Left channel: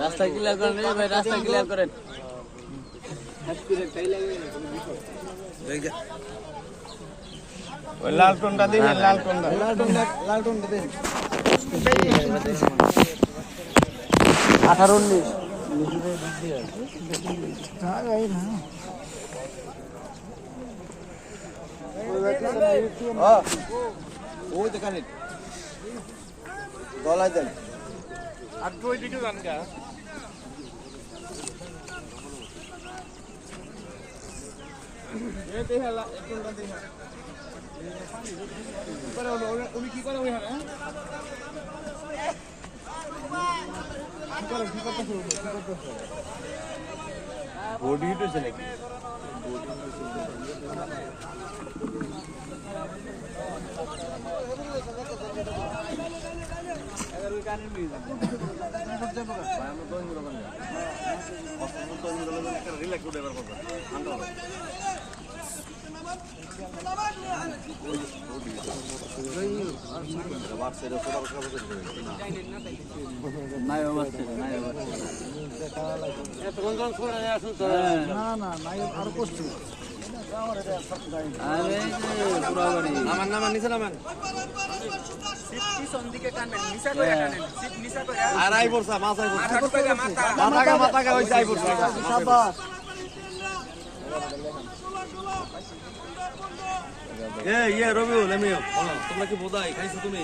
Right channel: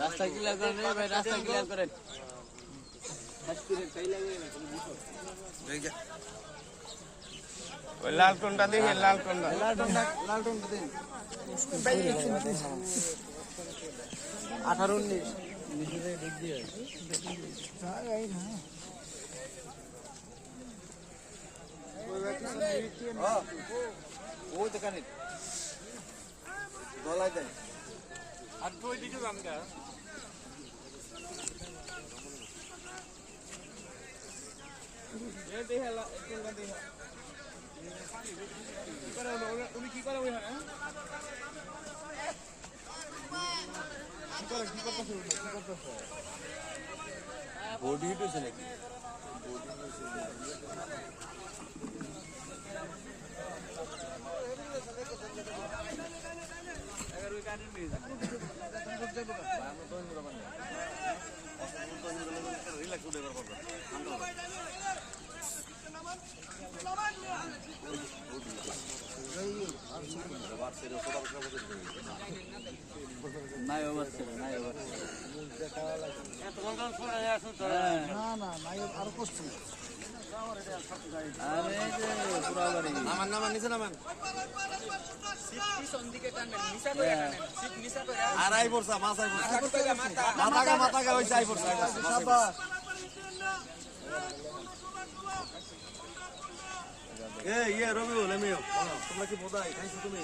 রাস্তা ক্লিয়ার করেন রে ভাই, রাস্তা ক্লিয়ার করেন। ওই লাল টোনটা দিন, লাল টোনটা দিন। 18-19 ওই দেখানি গলায় দেন। আর দুই দিকে যান গা। এই দেখালা একটুটা দেখা। উনি কি করে ওইখানে? কি করতেছে? বডি হিটেছে নাকি? রবিউল এমিও তোমরা কি বোধাই খাইছো তুমি?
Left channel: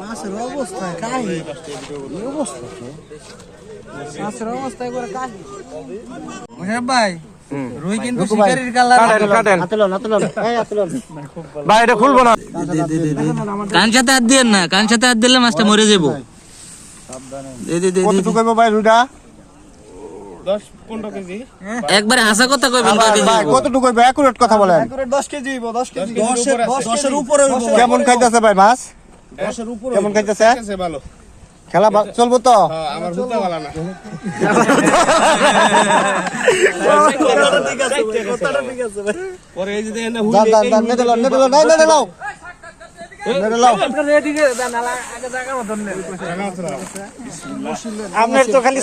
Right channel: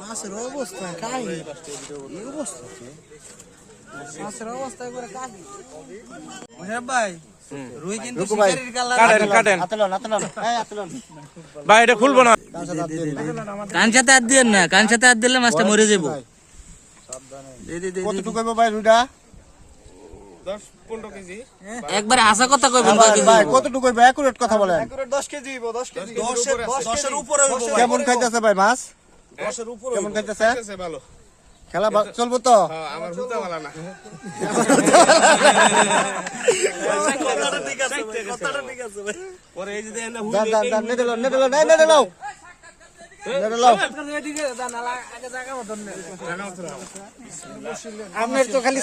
মাছের অবস্থা কাহি, এই অবস্থা মাছের অবস্থা করে কাহি। মোশাররফ ভাই, রুই কিন্তু শিকারির কালার। কাটেন ভাই, এটা খুলবো না। কান সাথে হাত দিয়েন না, কান সাথে হাত দিলে মাছটা মরে যাবো। কতটুকু হইবো ভাই রুইটা? 10-15 কেজি। একবারে হাসা কথা কইবেন। ভাই কতটুকু হইবো? একুরেট কথা বলেন। 10 কেজি হইবো, 10 কেজি। 10 এর উপরে হইবো। কেমন খাইতেছে ভাই মাছ? 10 এর উপরে কেমন খাইতেছে? ভালো। খেলা চলবো তো? আমার বুঝতে ভালো না। পরে এই যে দেখেন না হুইল আপনার তো খালি